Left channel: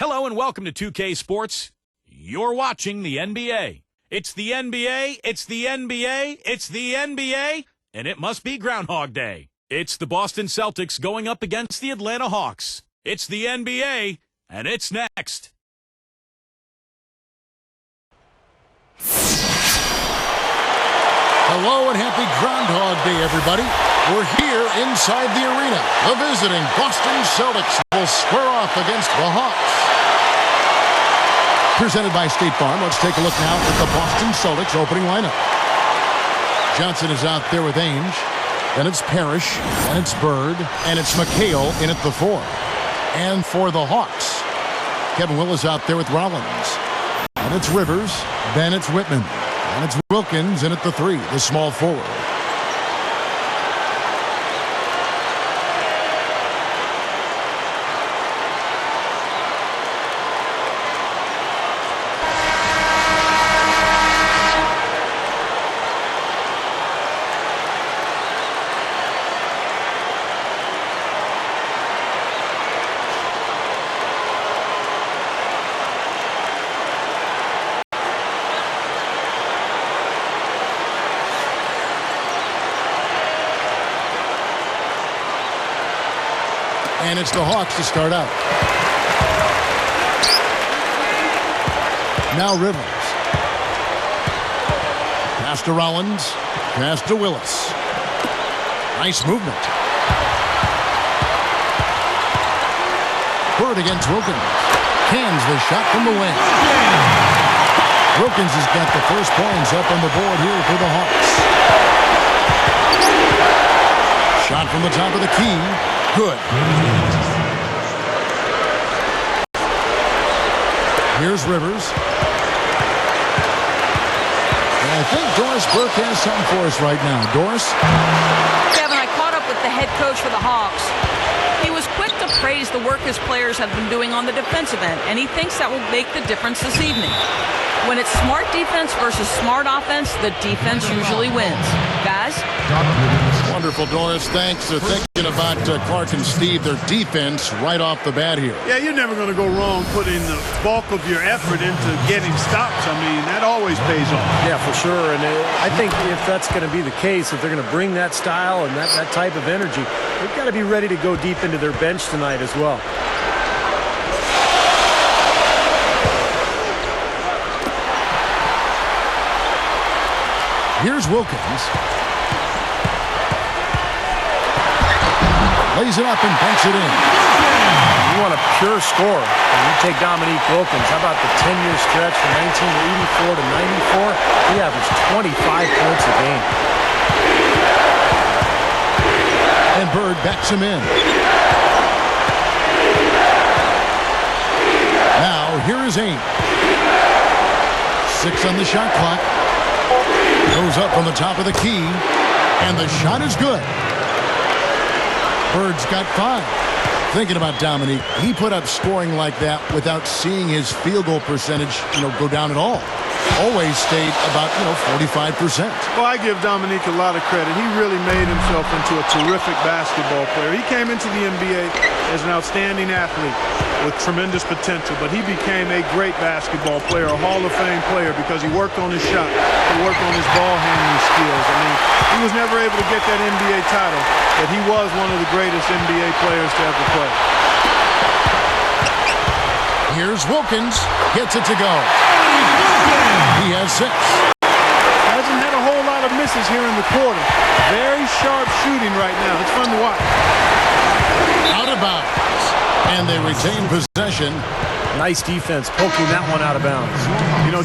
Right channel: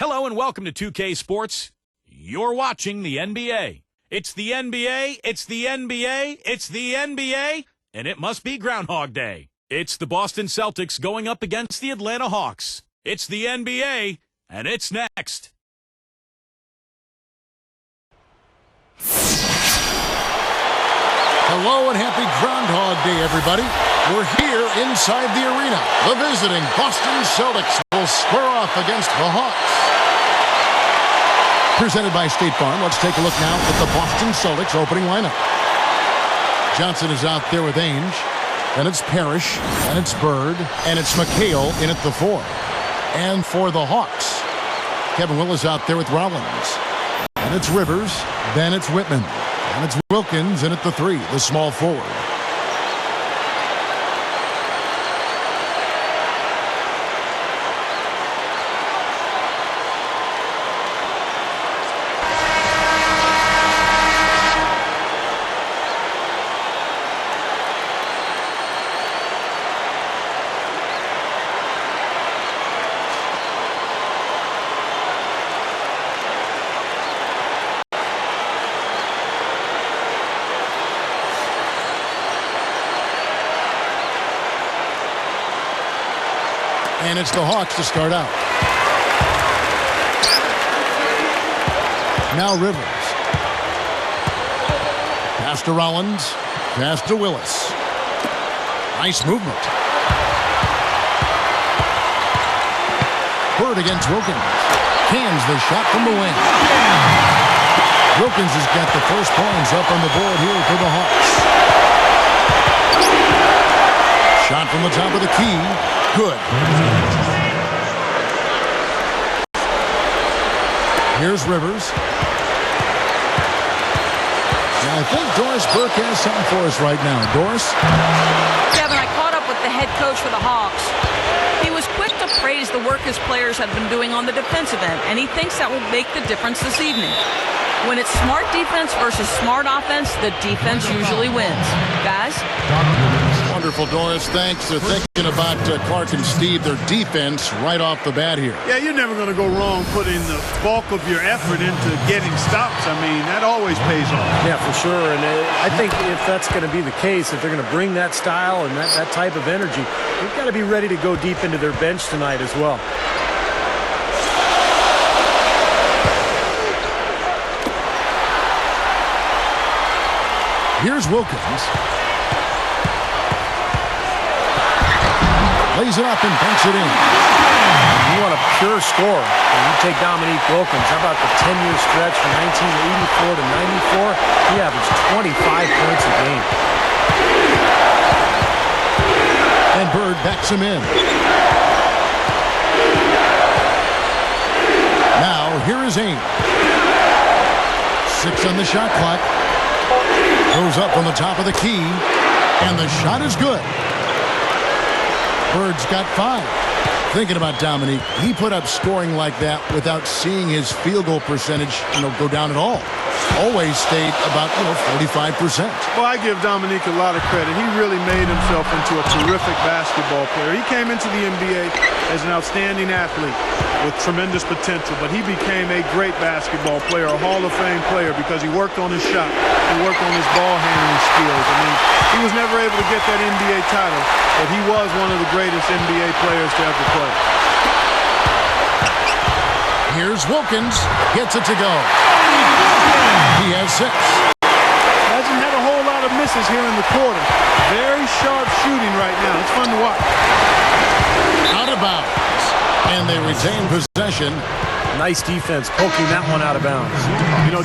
Hello and welcome to 2K Sports. You're watching the NBA. It's the NBA, it's the NBA, it's the NBA, and it must be Groundhog Day. It's the Boston Celtics going up against the Atlanta Hawks. It's the NBA, and it's next. Hello and happy Groundhog Day, everybody. We're here inside the arena. The visiting Boston Celtics will square off against the Hawks. Presented by State Farm, let's take a look now at the Boston Celtics opening lineup. Johnson is out there with Ainge. Then it's Parrish, and it's Bird, and it's McHale in at the 4. And for the Hawks, Kevin Will is out there with Rollins. And it's Rivers, then it's Whitman. And it's Wilkins in at the 3, the small forward. And it's the Hawks to start out. Now Rivers. Pass to Rollins. Pass to Willis. Nice movement. Bird against Wilkins. Cans the shot from the wing. Wilkins has got the first points up on the board here for the Hawks. Shot from the top of the key. Good. Here's Rivers. And I think Doris Burke has something for us right now. Doris? Kevin, I caught up with the head coach for the Hawks. He was quick to praise the work his players have been doing on the defensive end, and he thinks that will make the difference this evening. When it's smart defense versus smart offense, the defense usually wins. Guys? Wonderful, Doris. Thanks. They're thinking about Clark and Steve, their defense, right off the bat here. Yeah, you're never going to go wrong putting the bulk of your effort into getting stops. I mean, that always pays off. Yeah, for sure. And I think if that's going to be the case, if they're going to bring that style and that type of energy, they've got to be ready to go deep into their bench tonight as well. Here's Wilkins. Lays it up and banks it in. You want a pure scorer. When you take Dominique Wilkins, how about the 10-year stretch from 1984 to 94? He averaged 25 points a game. And Bird backs him in. Now, here is Ainge. 6 on the shot clock. Goes up from the top of the key. And the shot is good. Bird's got 5. Thinking about Dominique, he put up scoring like that without seeing his field goal percentage, go down at all. Always stayed about, 45%. Well, I give Dominique a lot of credit. He really made himself into a terrific basketball player. He came into the NBA as an outstanding athlete with tremendous potential, but he became a great basketball player, a Hall of Fame player, because he worked on his shot. He worked on his ball handling skills. I mean, he was never able to get that NBA title, but he was one of the greatest NBA players to ever play. Here's Wilkins. Gets it to go. He has 6. Hasn't had a whole lot of misses here in the quarter. Very sharp shooting right now. It's fun to watch. Out of bounds. And they retain possession. Nice defense poking that one out of bounds.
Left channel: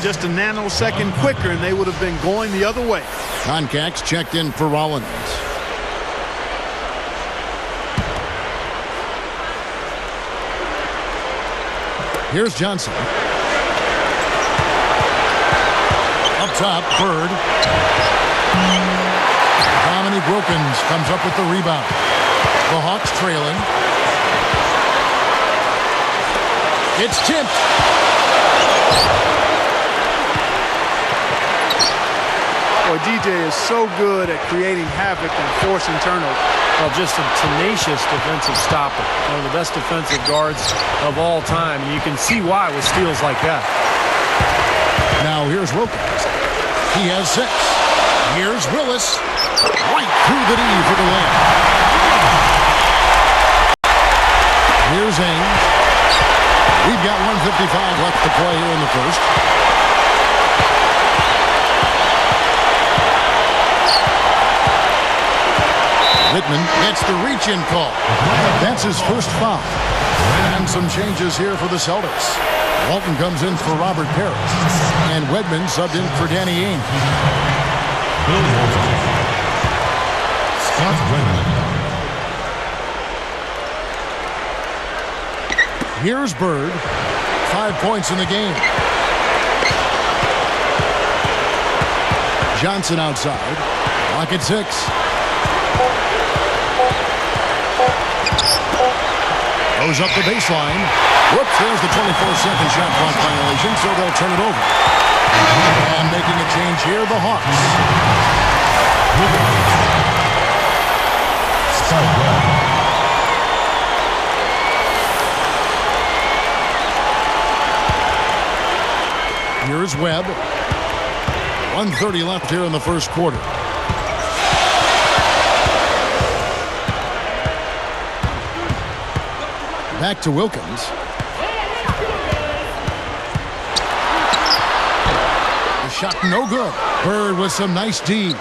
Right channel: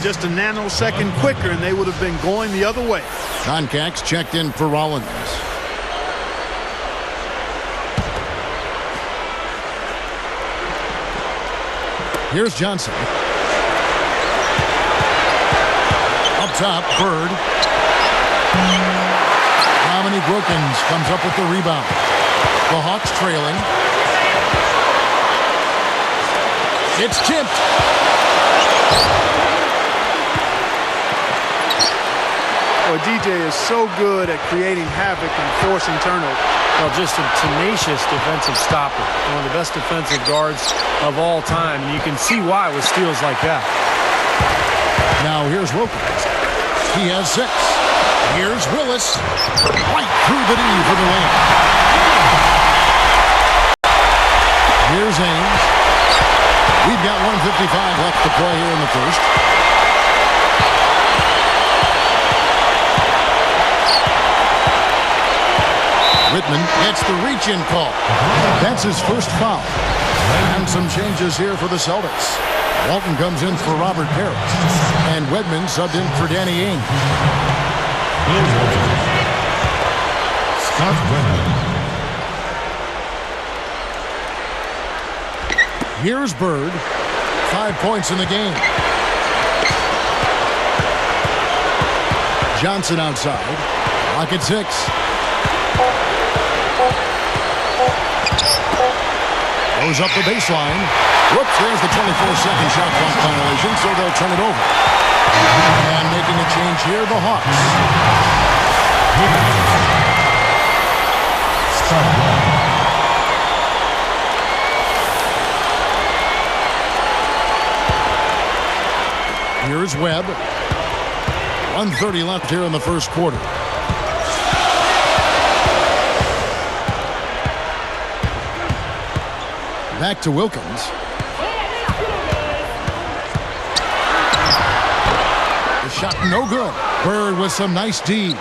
Just a nanosecond quicker and they would have been going the other way. Concax checked in for Rollins. Here's Johnson. Up top, Bird. Dominique Wilkins comes up with the rebound. The Hawks trailing. It's tipped. Boy, DJ is so good at creating havoc and forcing turnovers. Well, just a tenacious defensive stopper. One of the best defensive guards of all time. And you can see why with steals like that. Now here's Wilkins. He has 6. Here's Willis. Right through the D for the layup. Here's Ainge. We've got 1:55 left to play here in the first. Whitman gets the reach-in call. That's his first foul. And some changes here for the Celtics. Walton comes in for Robert Parrish. And Wedman subbed in for Danny Ainge. Bill Walton. Scott Wedman. Here's Bird. 5 points in the game. Johnson outside. Clock at 6. Goes up the baseline. Whoops, there's the 24-second shot clock violation, so they'll turn it over. And making a change here, the Hawks. Scott Wedman. Here's Webb. 1:30 left here in the first quarter. Back to Wilkins. The shot no good. Bird with some nice D.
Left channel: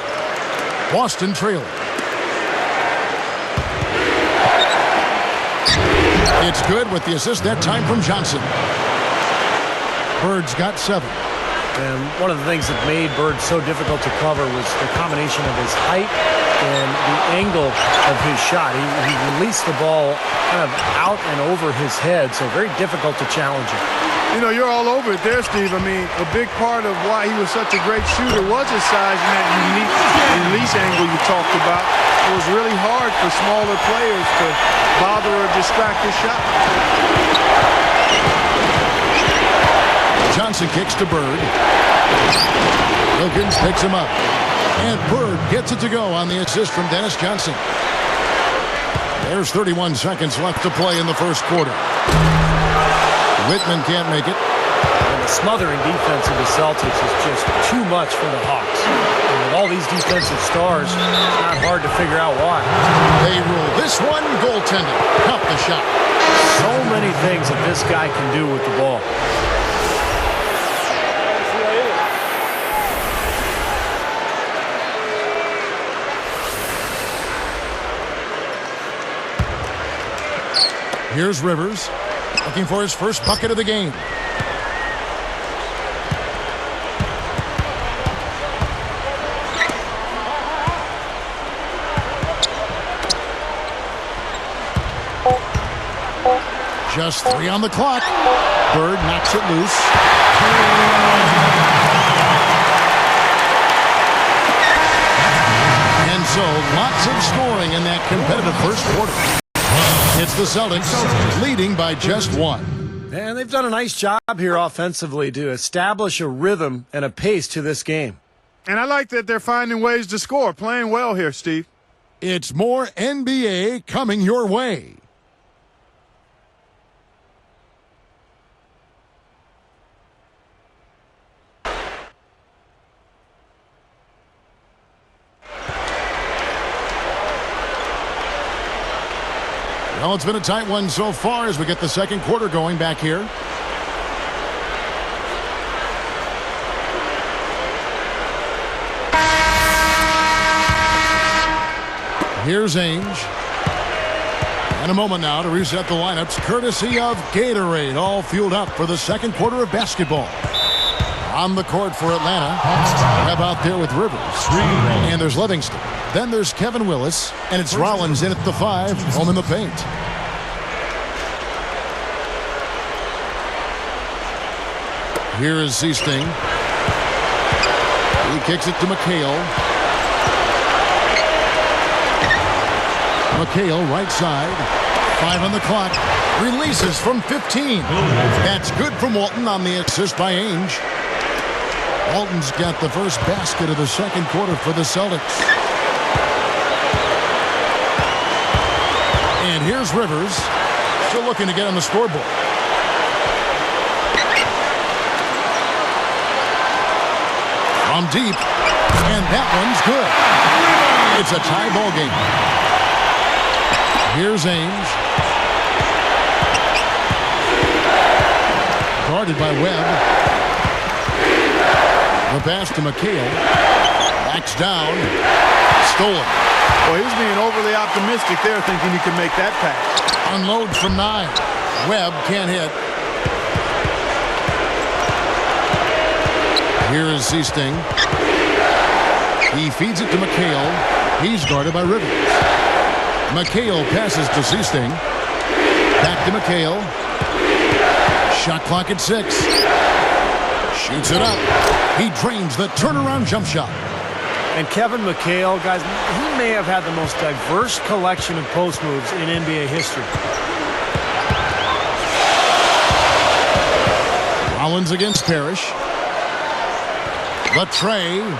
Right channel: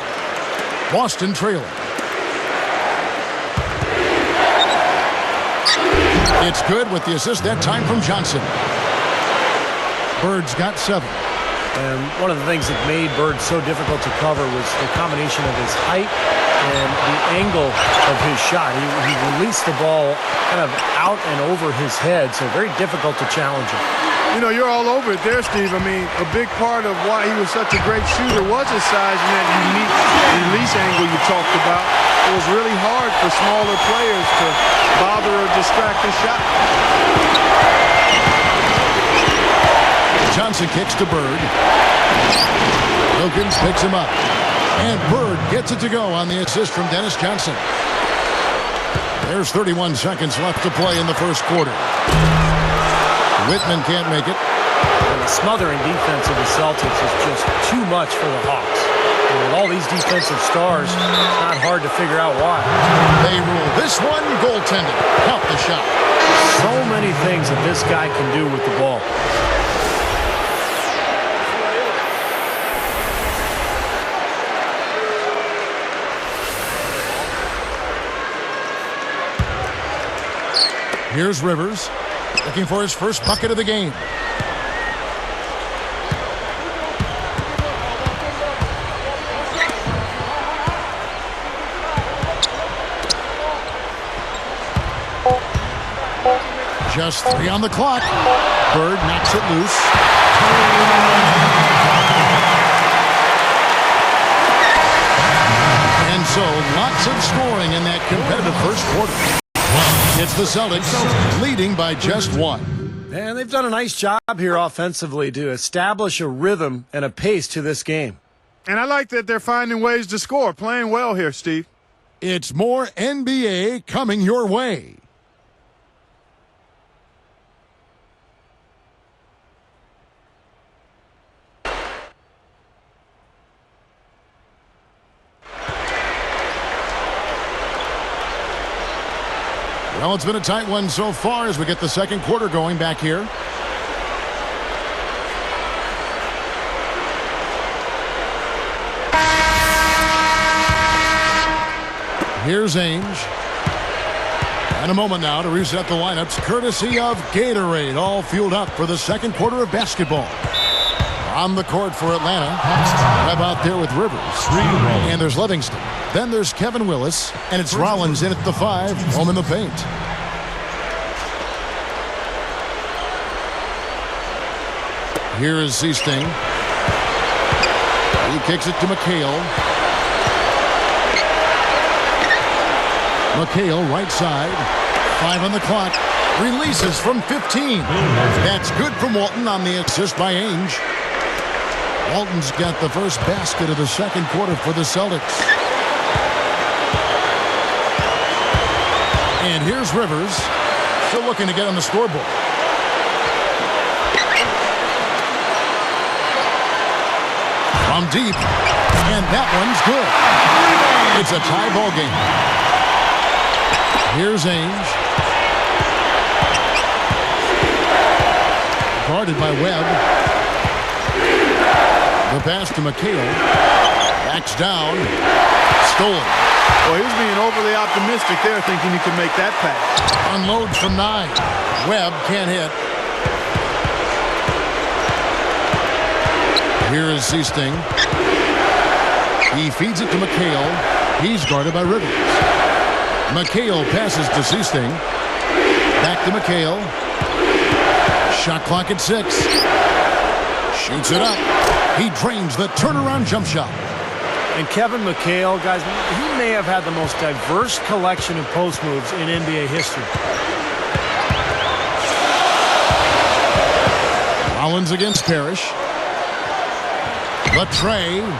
Boston trailing. It's good with the assist that time from Johnson. Bird's got 7. And one of the things that made Bird so difficult to cover was the combination of his height and the angle of his shot. He released the ball kind of out and over his head, so very difficult to challenge him. You know, you're all over it there, Steve. I mean, a big part of why he was such a great shooter was his size and that unique release angle you talked about. It was really hard for smaller players to bother or distract his shot. Johnson kicks to Bird. Wilkins picks him up. And Bird gets it to go on the assist from Dennis Johnson. There's 31 seconds left to play in the first quarter. Whitman can't make it. And the smothering defense of the Celtics is just too much for the Hawks. And with all these defensive stars, it's not hard to figure out why. They rule this one goaltending. Count the shot. So many things that this guy can do with the ball. Here's Rivers, looking for his first bucket of the game. Just 3 on the clock. Bird knocks it loose. And so, lots of scoring in that competitive first quarter. It's the Celtics leading by just 1. And they've done a nice job here offensively to establish a rhythm and a pace to this game. And I like that they're finding ways to score, playing well here, Steve. It's more NBA coming your way. Well, it's been a tight one so far as we get the second quarter going back here. Here's Ainge. And a moment now to reset the lineups, courtesy of Gatorade, all fueled up for the second quarter of basketball. On the court for Atlanta, Webb out there with Rivers. And there's Livingston. Then there's Kevin Willis, and it's Rollins in at the 5, home in the paint. Here is Seasting. He kicks it to McHale. McHale right side. 5 on the clock. Releases from 15. That's good from Walton on the assist by Ainge. Walton's got the first basket of the second quarter for the Celtics. And here's Rivers, still looking to get on the scoreboard. From deep, and that one's good. It's a tie ball game. Here's Ainge. Guarded by Webb. The pass to McHale. Backs down. Stolen. Well, he was being overly optimistic there, thinking he could make that pass. Unloads from 9. Webb can't hit. Here is Seasting. He feeds it to McHale. He's guarded by Rivers. McHale passes to Seasting. Back to McHale. Shot clock at 6. Shoots it up. He drains the turnaround jump shot. And Kevin McHale, guys, he may have had the most diverse collection of post moves in NBA history. Rollins against Parrish. Latre.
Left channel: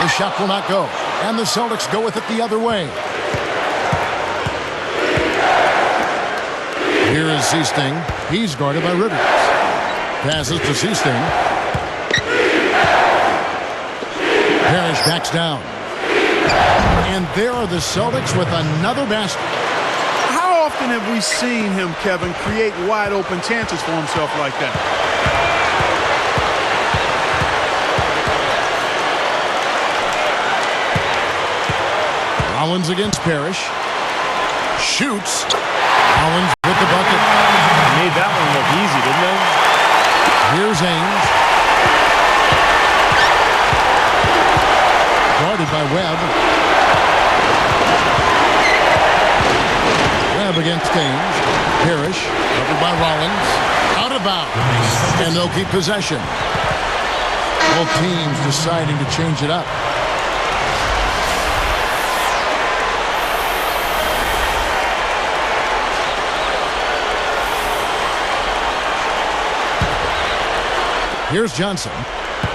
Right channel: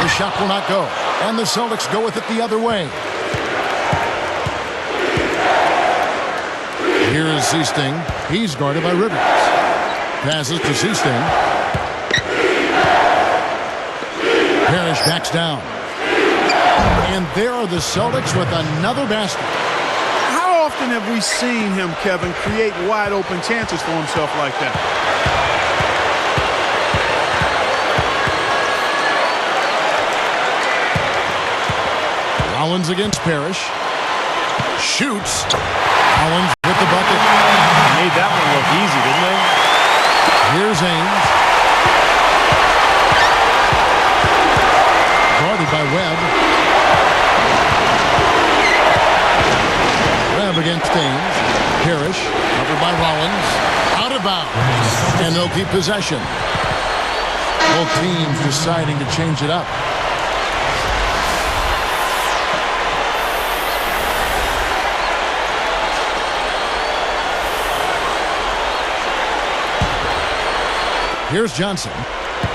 The shot will not go. And the Celtics go with it the other way. Here is Seasting. He's guarded by Rivers. Passes to Seasting. Parrish backs down. And there are the Celtics with another basket. How often have we seen him, Kevin, create wide open chances for himself like that? Rollins against Parrish. Shoots. Rollins with the bucket. Made that one look easy, didn't they? Here's Ainge. Guarded by Webb. Webb against Ainge. Parrish covered by Rollins. Out of bounds. And they'll keep possession. Both teams deciding to change it up. Here's Johnson,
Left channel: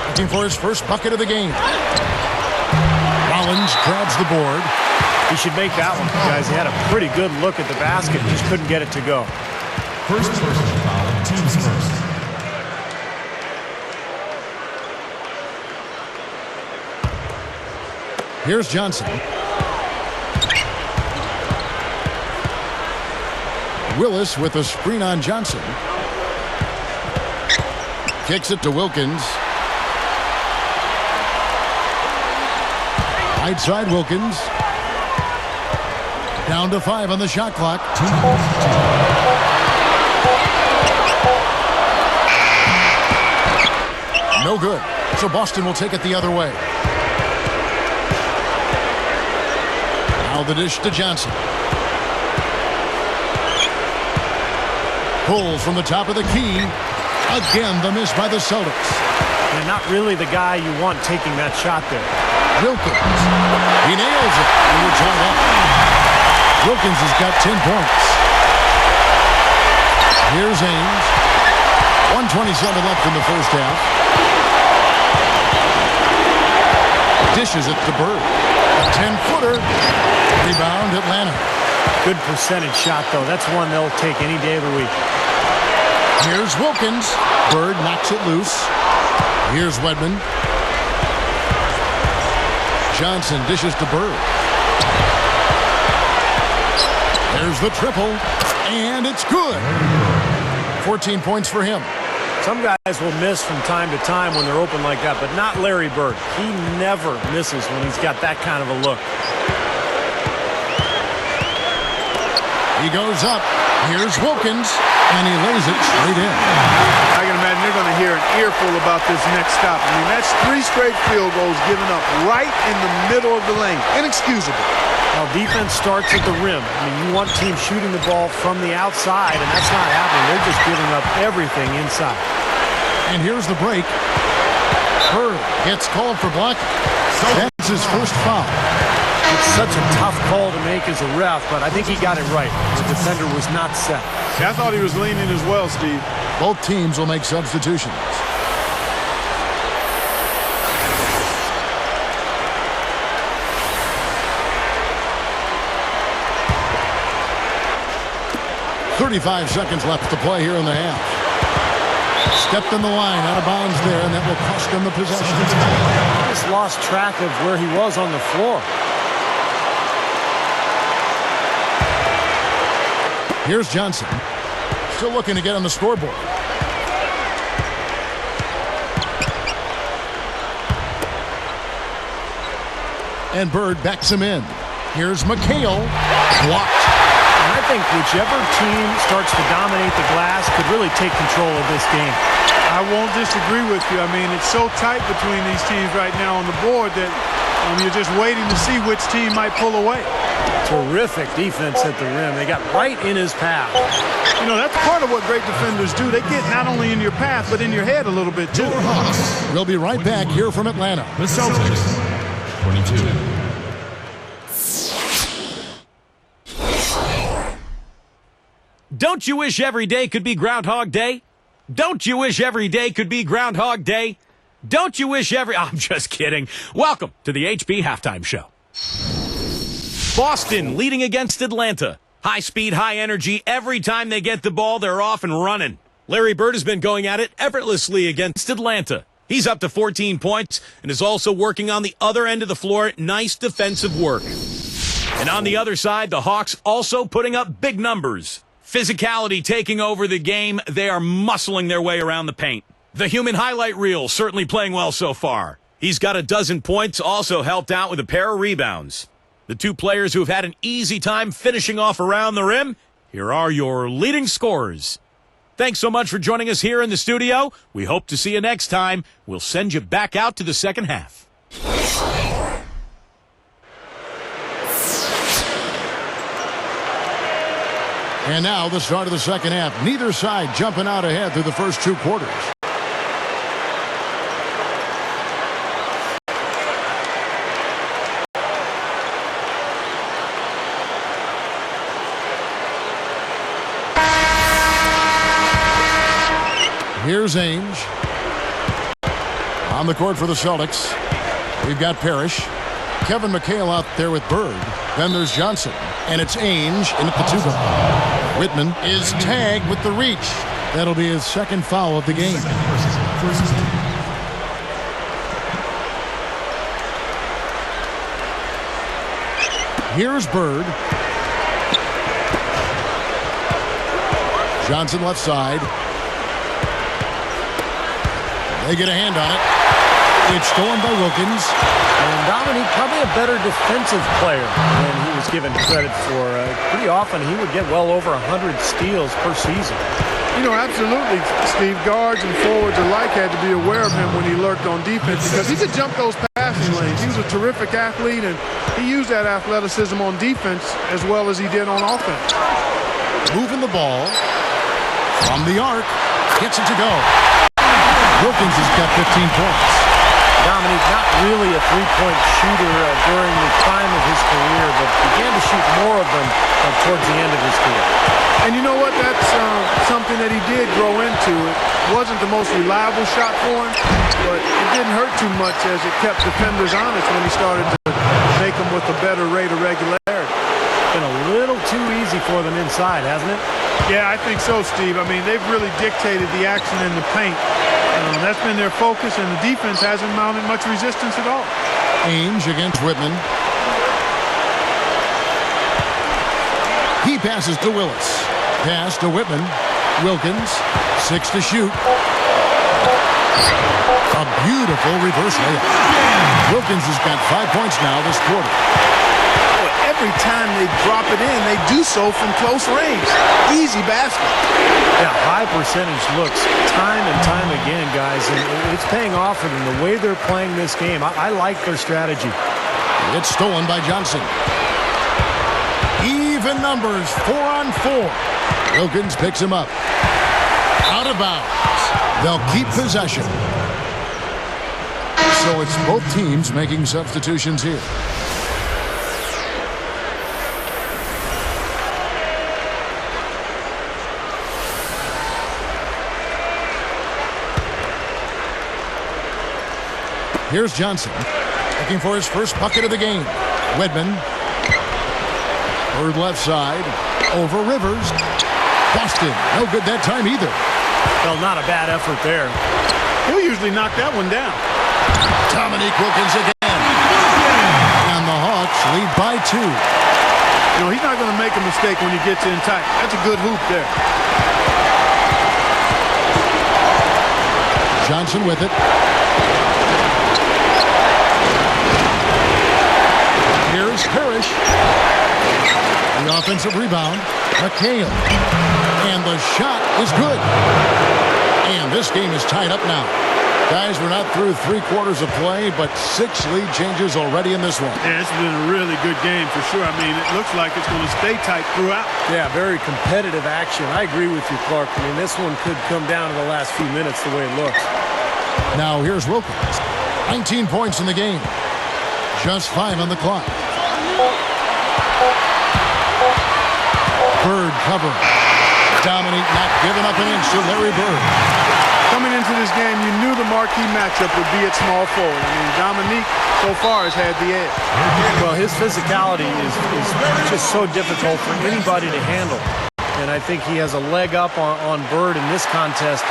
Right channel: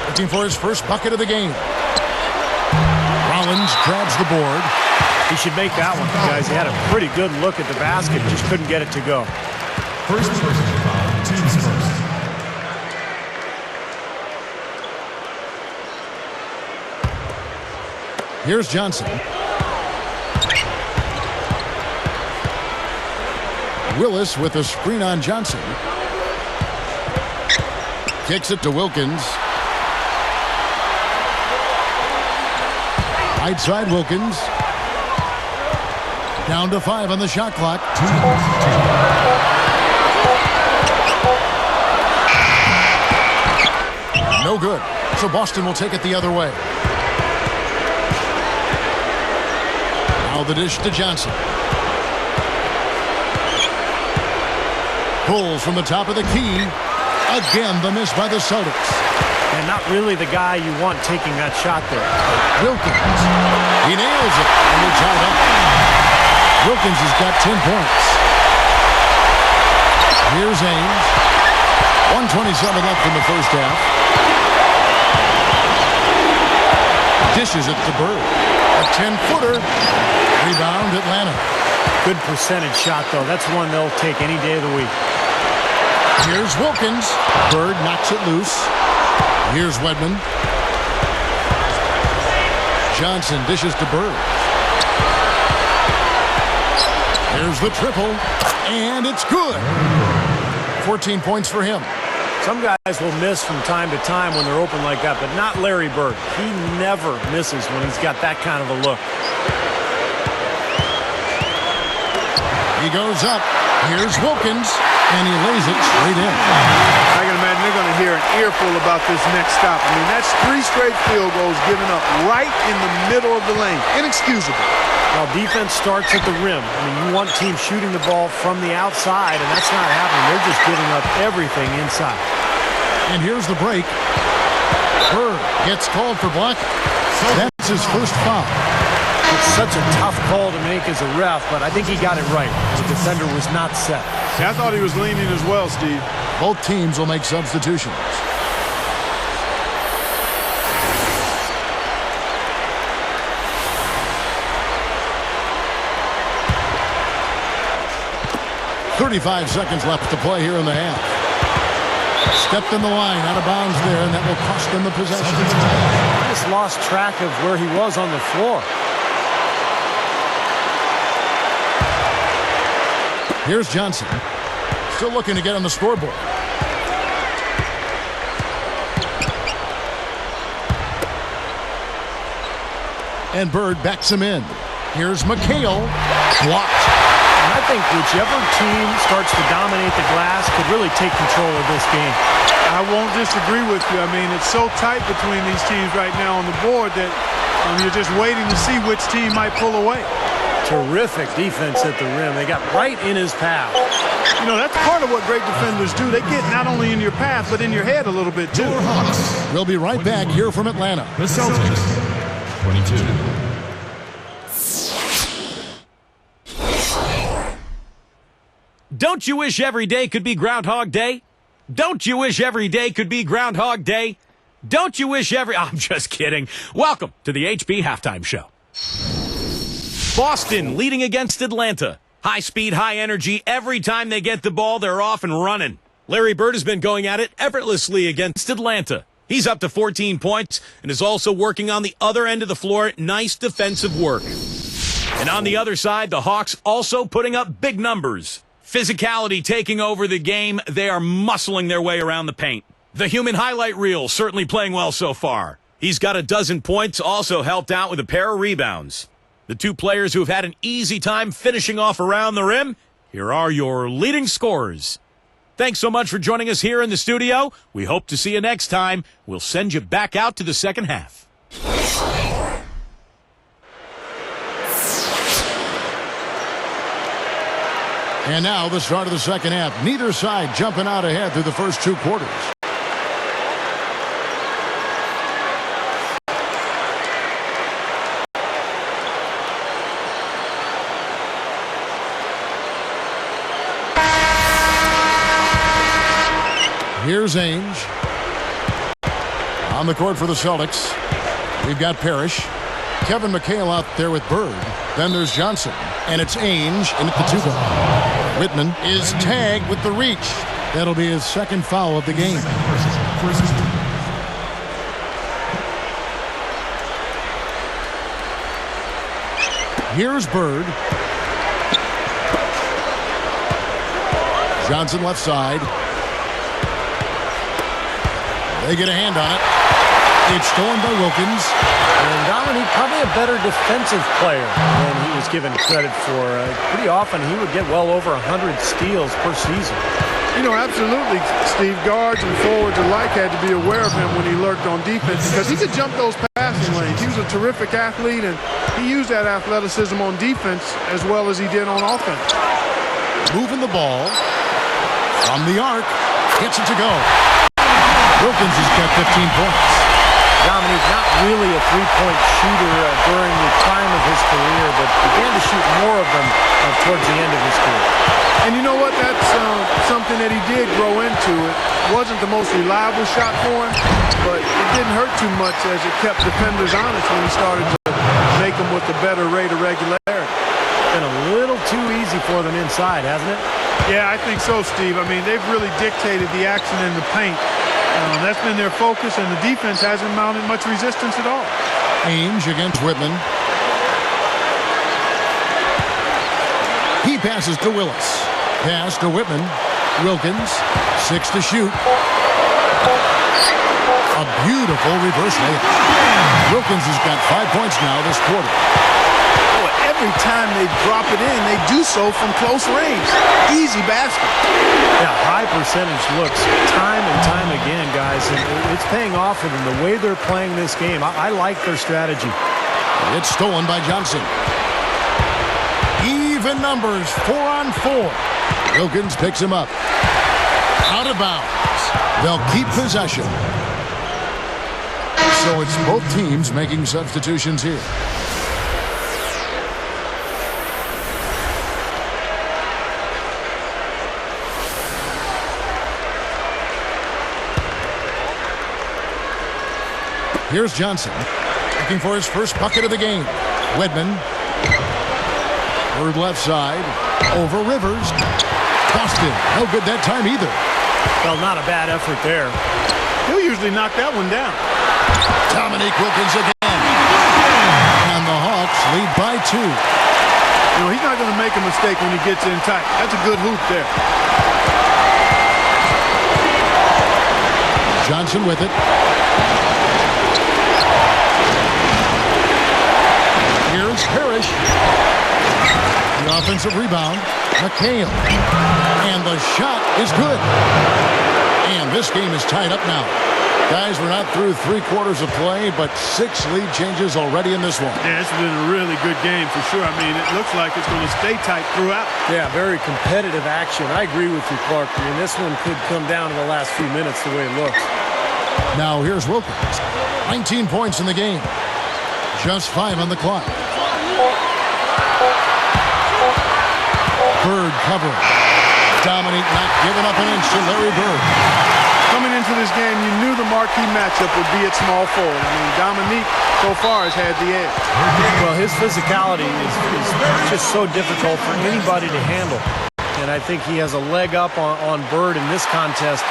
looking for his first bucket of the game. Rollins grabs the board. He should make that one, guys. He had a pretty good look at the basket, just couldn't get it to go. First personal foul, teams first. Here's Johnson. Willis with a screen on Johnson. Kicks it to Wilkins. Right side Wilkins. Down to 5 on the shot clock. No good. So Boston will take it the other way. Now the dish to Johnson. Pulls from the top of the key. Again, the miss by the Celtics. And not really the guy you want taking that shot there. Wilkins. He nails it, and we're tied up. Wilkins has got 10 points. Here's Ainge. 1:27 left in the first half. Dishes it to Bird. A 10-footer. Rebound, Atlanta. Good percentage shot, though. That's one they'll take any day of the week. Here's Wilkins. Bird knocks it loose. Here's Wedman. Johnson dishes to Bird. There's the triple. And it's good. 14 points for him. Some guys will miss from time to time when they're open like that, but not Larry Bird. He never misses when he's got that kind of a look. He goes up. Here's Wilkins. And he lays it straight in. I can imagine they're going to hear an earful about this next stop. I mean, that's 3 straight field goals given up right in the middle of the lane. Inexcusable. Well, defense starts at the rim. I mean, you want teams shooting the ball from the outside, and that's not happening. They're just giving up everything inside. And here's the break. Bird gets called for blocking. That's his first foul. It's such a tough call to make as a ref, but I think he got it right. The defender was not set. Yeah, I thought he was leaning as well, Steve. Both teams will make substitutions. 35 seconds left to play here in the half. Stepped in the line, out of bounds there, and that will cost them the possession. He just lost track of where he was on the floor. Here's Johnson. Still looking to get on the scoreboard. And Bird backs him in. Here's McHale. Blocked. And I think whichever team starts to dominate the glass could really take control of this game. I won't disagree with you. I mean, it's so tight between these teams right now on the board that you're just waiting to see which team might pull away. Terrific defense at the rim. They got right in his path. You know, that's part of what great defenders do. They get not only in your path, but in your head a little bit, too. We'll be right back here from Atlanta. The Celtics, 22. Don't you wish every day could be Groundhog Day? Don't you wish every day could be Groundhog Day? Don't you wish every... I'm just kidding. Welcome to the HB Halftime Show. Boston leading against Atlanta. High speed, high energy. Every time they get the ball, they're off and running. Larry Bird has been going at it effortlessly against Atlanta. He's up to 14 points and is also working on the other end of the floor. Nice defensive work. And on the other side, the Hawks also putting up big numbers. Physicality taking over the game. They are muscling their way around the paint. The human highlight reel certainly playing well so far. He's got a dozen points, also helped out with a pair of rebounds. The two players who have had an easy time finishing off around the rim, here are your leading scorers. Thanks so much for joining us here in the studio. We hope to see you next time. We'll send you back out to the second half. And now the start of the second half. Neither side jumping out ahead through the first two quarters. Here's Ainge. On the court for the Celtics, we've got Parrish. Kevin McHale out there with Bird. Then there's Johnson. And it's Ainge in at the two-guard. Whitman is tagged with the reach. That'll be his second foul of the game. Here's Bird. Johnson left side. They get a hand on it. It's stolen by Wilkins. And Dominique, probably a better defensive player than he was given credit for. Pretty often he would get well over 100 steals per season. You know, absolutely, Steve. Guards and forwards alike had to be aware of him when he lurked on defense because he could jump those passing lanes. He was a terrific athlete, and he used that athleticism on defense as well as he did on offense. Moving the ball from the arc. Gets it to go. Wilkins has got 15 points. Dominique, not really a three-point shooter during the prime of his career, but began to shoot more of them towards the end of his career. And you know what? That's something that he did grow into. It wasn't the most reliable shot for him, but it didn't hurt too much as it kept defenders honest when he started to make them with a better rate of regularity. Been a little too easy for them inside, hasn't it? Yeah, I think so, Steve. I mean, they've really dictated the action in the paint. That's been their focus, and the defense hasn't mounted much resistance at all. Ainge against Whitman. He passes to Willis. Pass to Whitman. Wilkins. 6 to shoot. A beautiful reverse layup. Wilkins has got 5 points now this quarter. Boy, every time they drop it in, they do so from close range. Easy basket. Yeah, high percentage looks time and time again, guys, and it's paying off for them the way they're playing this game. I like their strategy. It's stolen by Johnson. Even numbers, 4 on 4. Wilkins picks him up. Out of bounds. They'll keep possession. So it's both teams making substitutions here. Here's Johnson, looking for his first bucket of the game. Whitman. Bird left side, over Rivers. Boston, no good that time either. Well, not a bad effort there. He'll usually knock that one down. Dominique Wilkins again. And the Hawks lead by 2. You know, he's not going to make a mistake when he gets in tight. That's a good hoop there. Johnson with it. Here's Parrish. The offensive rebound. McHale. And the shot is good. And this game is tied up now. Guys, we're not through 3 quarters of play, but 6 lead changes already in this one. Yeah, it's been a really good game for sure. I mean, it looks like it's going to stay tight throughout. Yeah, very competitive action. I agree with you, Clark. I mean, this one could come down to the last few minutes the way it looks. Now here's Wilkins. 19 points in the game. Just 5 on the clock. Bird covering. Dominique not giving up an inch to Larry Bird. Coming into this game, you knew the marquee matchup would be at small forward. I mean, Dominique so far has had the edge. Well, his physicality is just so difficult for anybody to handle. And I think he has a leg up on Bird in this contest,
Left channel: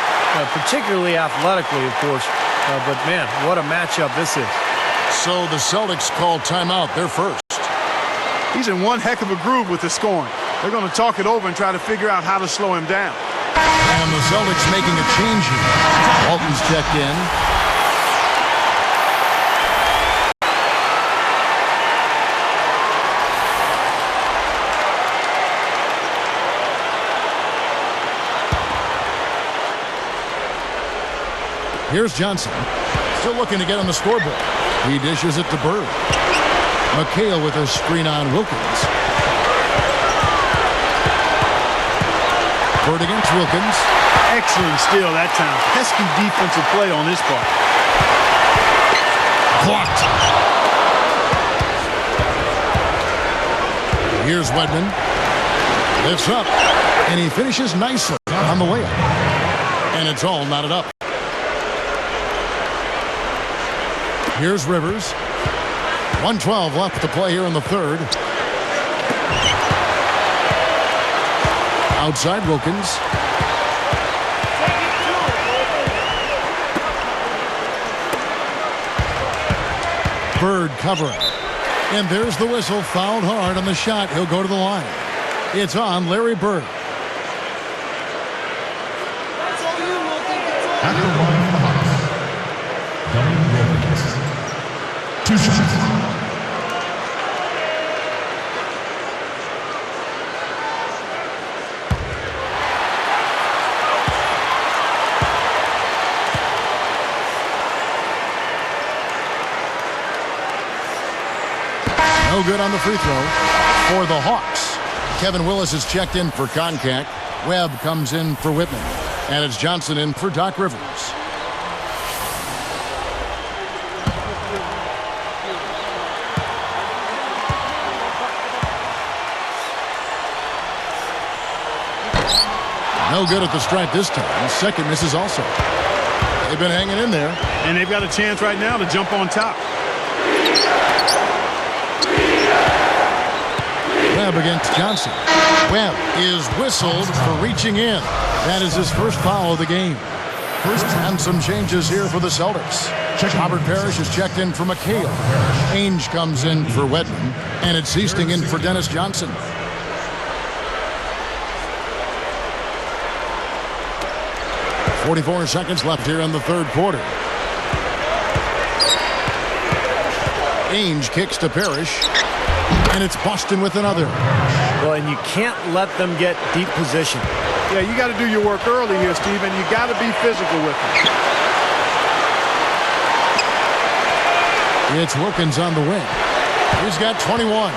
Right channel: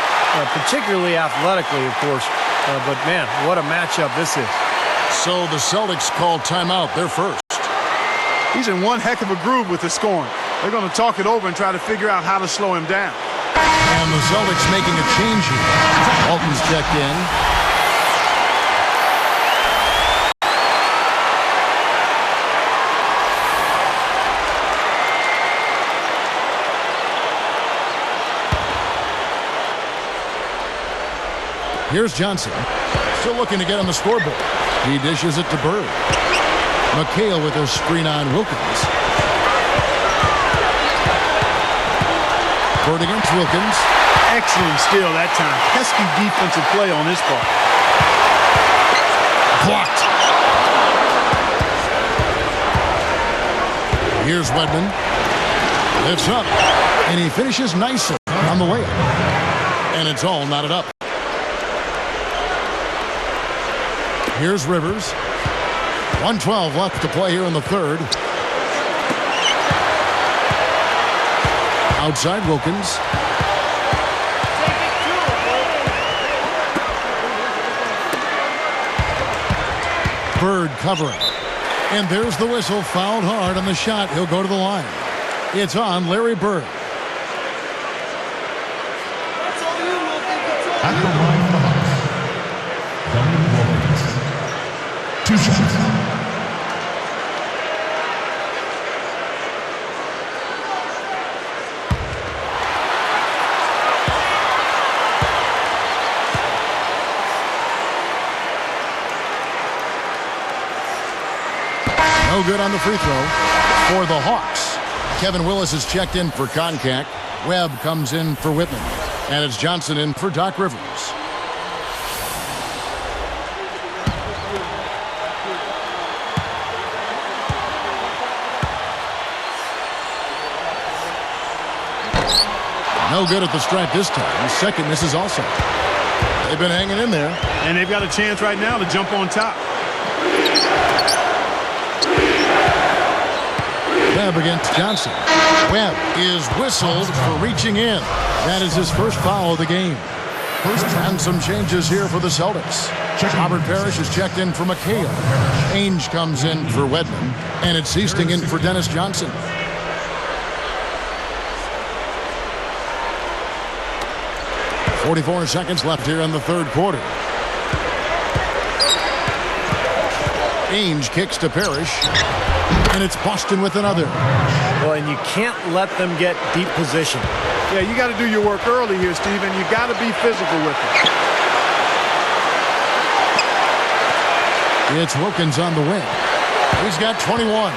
particularly athletically, of course. But, man, what a matchup this is. So the Celtics call timeout. They're first. He's in one heck of a groove with the scoring. They're going to talk it over and try to figure out how to slow him down. And the Celtics making a change here. Walton's checked in. Here's Johnson. Still looking to get on the scoreboard. He dishes it to Bird. McHale with a screen on Wilkins. Bird against Wilkins. Excellent steal that time. Pesky defensive play on his part. Blocked. Here's Wedman. Lifts up. And he finishes nicely on the layup. And it's all knotted up. Here's Rivers. 1:12 left to play here in the third. Outside Wilkins. Take it to him. Bird covering. And there's the whistle. Fouled hard on the shot. He'll go to the line. It's on Larry Bird. That's all you, Wilkins. It's all At the line for the Hawks, Dominique Wilkins. 2 shots. No good on the free throw for the Hawks. Kevin Willis is checked in for contact. Webb comes in for Whitman. And it's Johnson in for Doc Rivers. No good at the stripe this time. Second misses also. They've been hanging in there. And they've got a chance right now to jump on top. Webb against Johnson. Webb is whistled for reaching in. That is his first foul of the game. And some changes here for the Celtics. Robert Parrish is checked in for McHale. Ainge comes in for Wedman. And it's Easting in for Dennis Johnson. .44 seconds left here in the third quarter. Ainge kicks to Parrish. And it's Boston with another. Well, and you can't let them get deep position. Yeah, you got to do your work early here, Steve, and you got to be physical with him. It's Wilkins on the wing. He's got 21.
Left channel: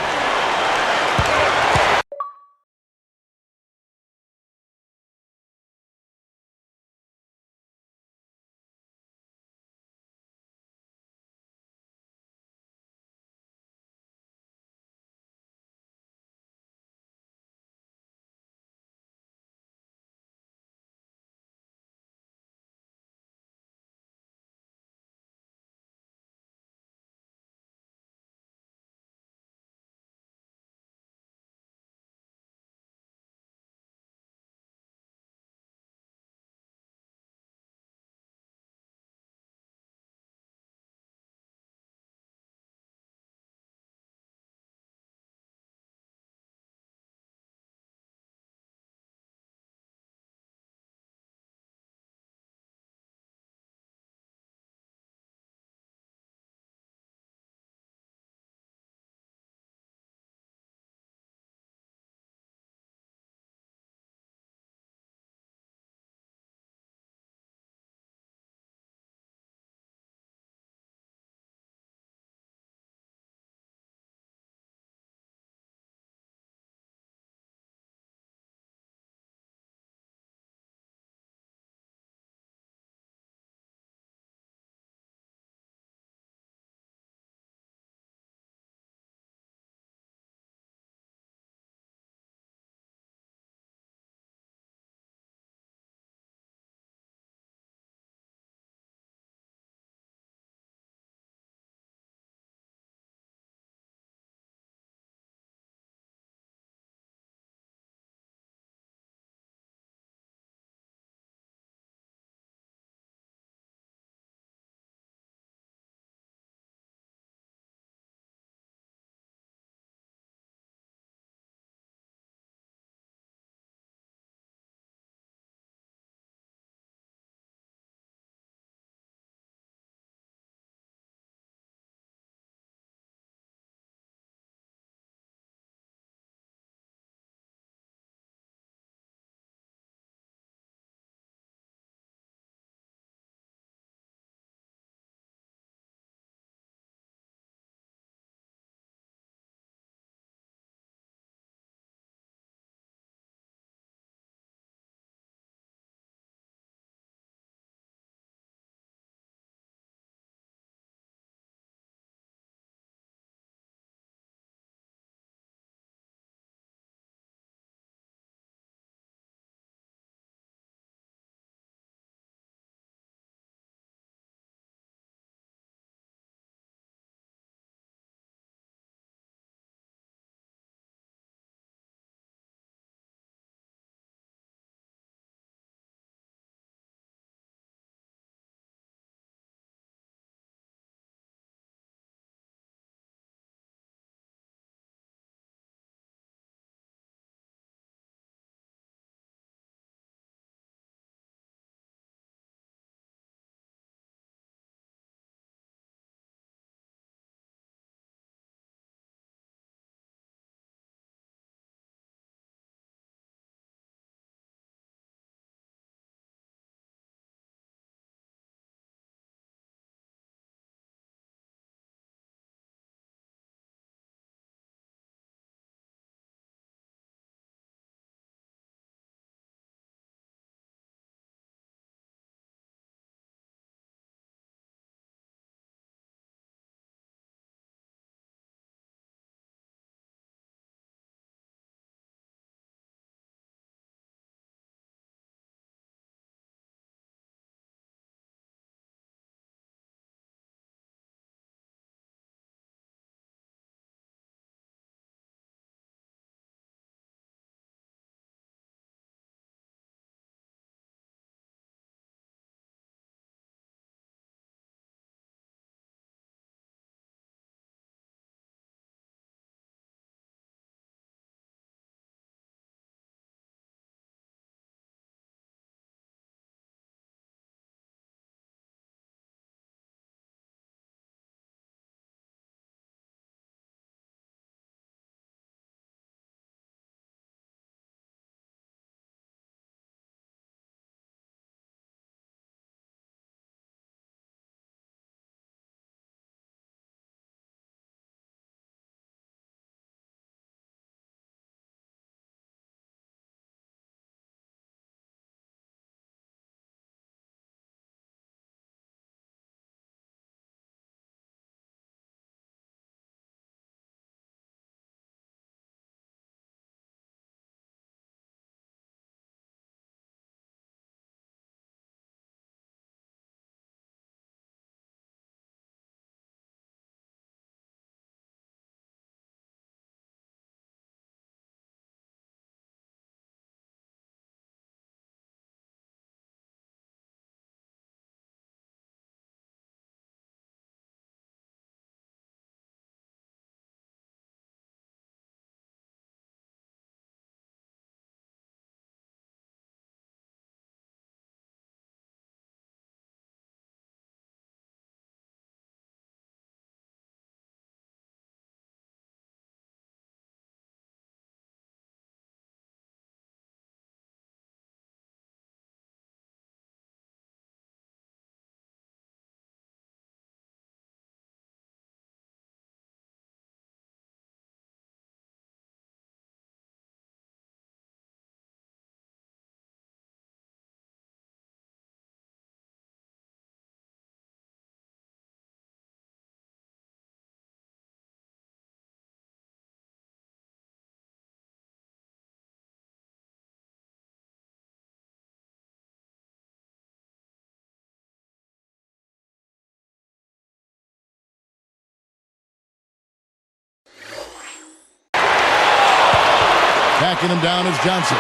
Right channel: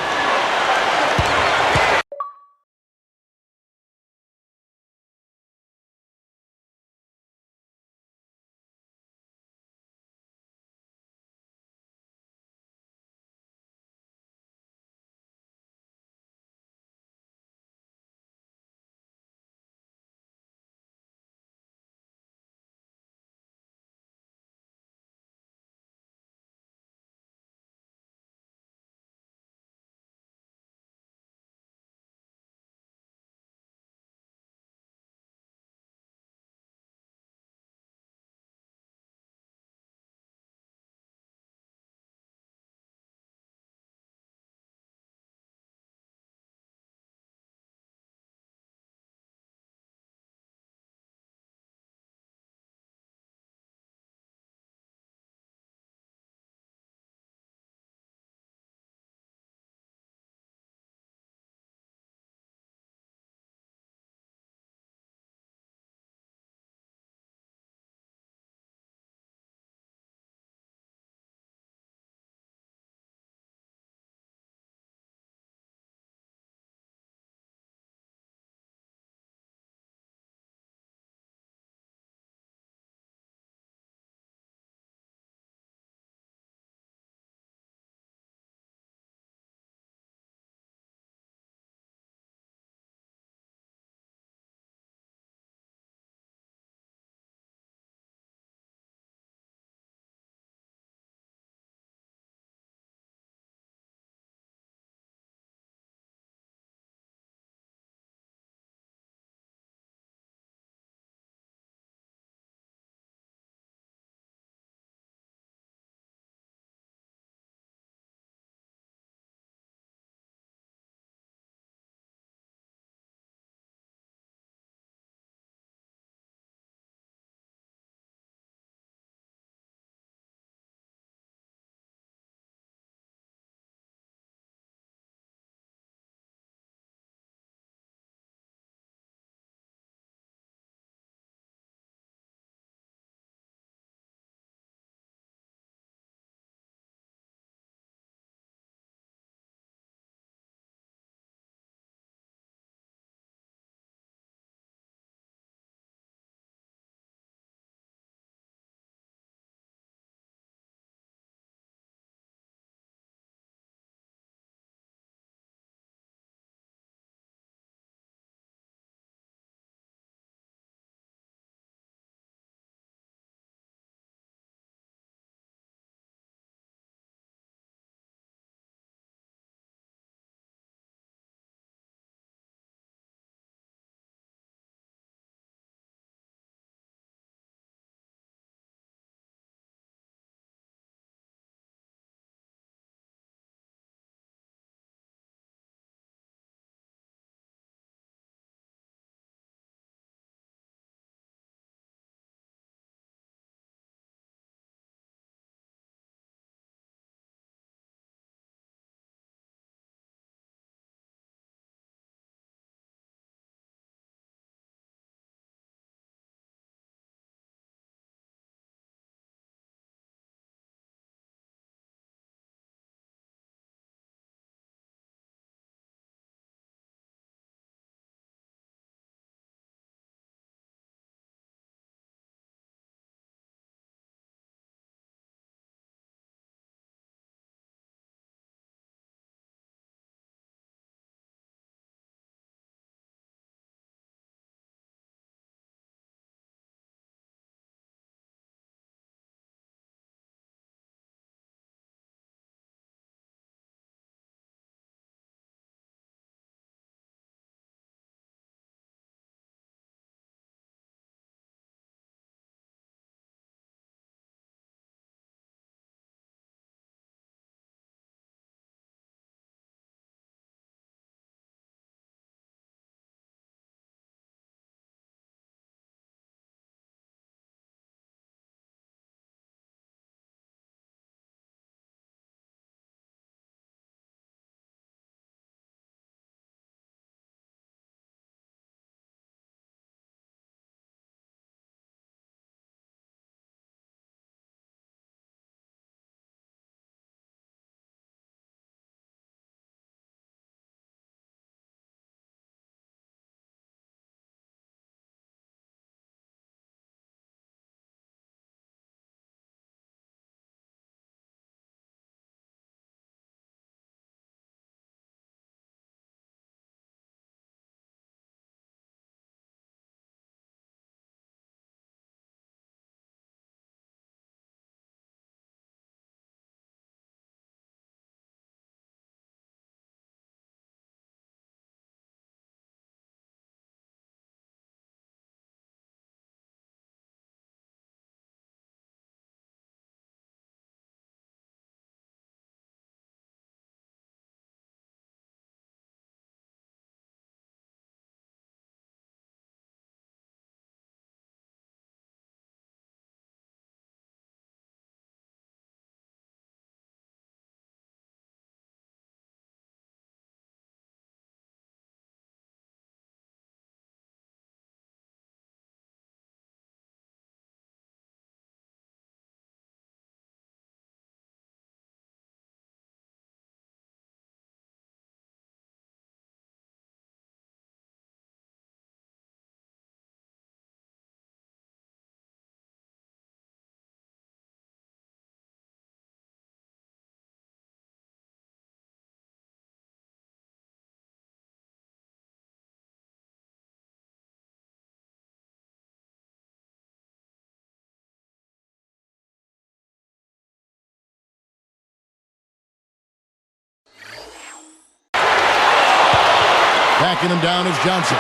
Backing him down is Johnson.